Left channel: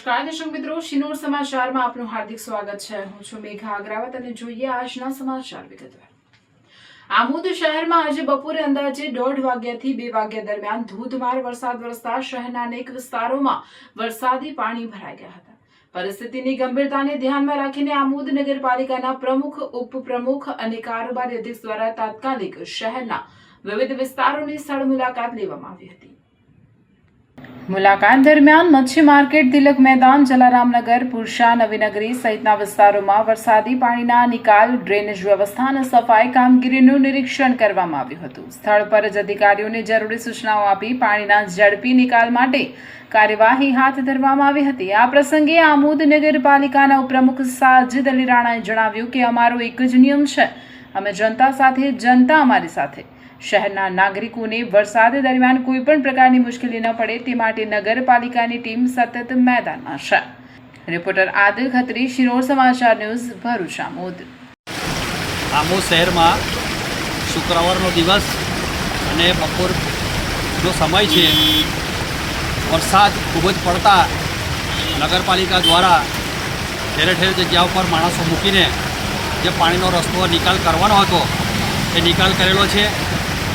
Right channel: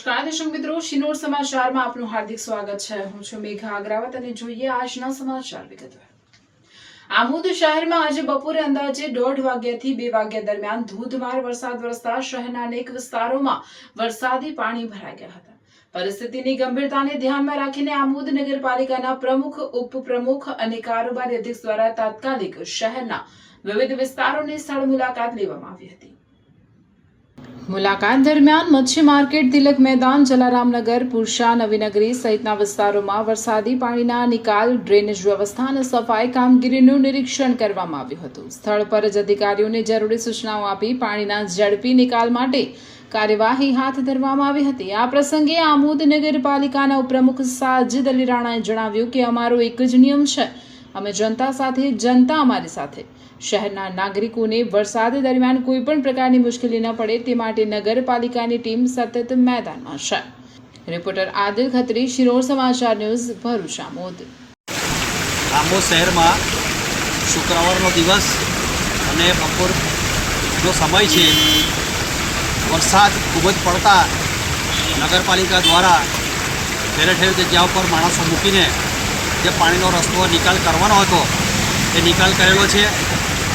નમસ્કાર દર્શક મિત્રો, શિનોર સમાચારમાં આપનું હાર્દિક સ્વાગત છે। હું છું મેઘા અગ્રાવત અને જોઈએ આજના સમાચાર વિગતવાર। આમોદ શહેરમાં આજે બપોરે અંદાજે 1:30 વાગ્યાથી 2 વાગ્યા દરમિયાન ધોધમાર વરસાદ વરસતા શહેરના અનેક વિસ્તારોમાં વરસાદી પાણી ભરાઈ ગયા હતા। પરિસ્થિતિની ગંભીરતાને ધ્યાનમાં રાખીને આમોદ નગરપાલિકાના પ્રમુખ, ઉપપ્રમુખ અને કારોબારી અધ્યક્ષ દ્વારા તાત્કાલિક શહેરના વિવિધ વિસ્તારોની સ્થળ મુલાકાત લેવામાં આવી હતી। મુલાકાત દરમિયાન મચ્છી માર્કેટ, તિલક મેદાન, જલારામનગર, પુરશા, નવીનગરી સહિતના વિસ્તારોમાં વરસાદી પાણીના નિકાલ, ડ્રેનેજ વ્યવસ્થા અને સફાઈ કામગીરીનું નિરીક્ષણ કરવામાં આવ્યું હતું। સ્થળ પર જ અધિકારીઓને જરૂરી સૂચનાઓ આપી પાણીના ઝડપી નિકાલ માટે કાર્યવાહી હાથ ધરવામાં આવી હતી। આ પ્રસંગે આમોદ નગરપાલિકાના ઉપપ્રમુખ સાજિદ અલી રાણાએ જણાવ્યું કે અમારો એક જ નિયમ છે, અમે જનતા સાથે, જનતા અમારી સાથે। શહેરના નાગરિકોને વરસાદ દરમિયાન કોઈ પણ પ્રકારની મુશ્કેલી ન પડે તે માટે નગરપાલિકાની ટીમ સતત મેદાનમાં છે। રિપોર્ટર આદિલ ખત્રી, શિનોર સમાચાર ન્યૂઝ, ભરૂચ। આમોદ શહેરમાં શુક્રવારનો દિવસ અને બપોરનો સમય છે। વરસાદ ખૂબ જ પડતા નગરપાલિકા દ્વારા ઠેર ઠેર જગ્યા ઉપર માણસો મૂકીને જે પાણીનો રસ્તો નિકાલ કરવાનો હતો એ નિકાલ કરેલો છે।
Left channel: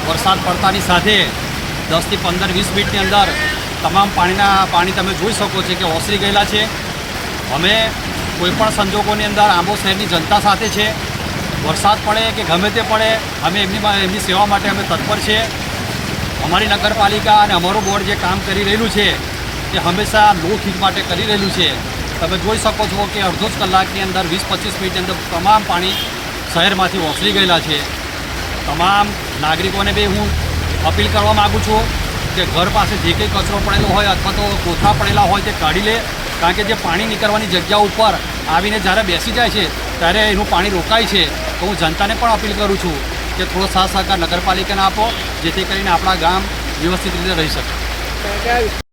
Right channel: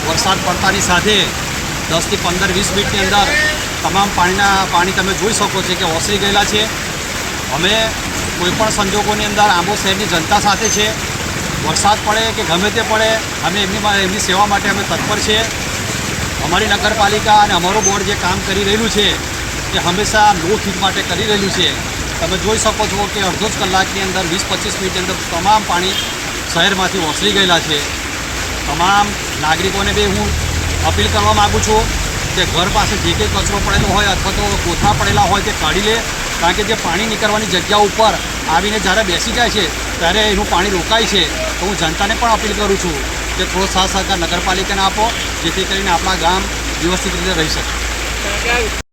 વરસાદ પડતાની સાથે 10 થી 15 20 મિનિટની અંદર તમામ પાણી તમે જોઈ શકો છો કે ઓસરી ગયેલા છે। અમે કોઈપણ સંજોગોની અંદર આંબો શહેરની જનતા સાથે છે। વરસાદ પડે કે ગમે તે પડે અમે એમની સેવા માટે અમે તત્પર છે। અમારી નગરપાલિકા અને અમારું બોર્ડ જે કામ કરી રહેલું છે એ હંમેશા લોકહિત માટે કરી રહેલું છે। તમે જોઈ શકો છો કે અડધો જ કલાકની અંદર 20-25 મિનિટની અંદર તમામ પાણી શહેરમાંથી ઓસરી ગયેલા છે। તમામ નાગરિકોને બી હું અપીલ કરવા માગું છું કે ઘર પાસે જે કંઈ કચરો પડેલો હોય અથવા તો કોથળા પડેલા હોય તે કાઢી લે, કારણ કે જે પાણી નીકળવાની જગ્યા ઉપર આવીને જ્યારે બેસી જાય છે ત્યારે એનું પાણી રોકાય છે। તો હું જનતાને પણ અપીલ કરું છું કે થોડો સાથ સહકાર નગરપાલિકાને આપો, જેથી કરીને આપણા ગામ વ્યવસ્થિત રીતે રહી શકે।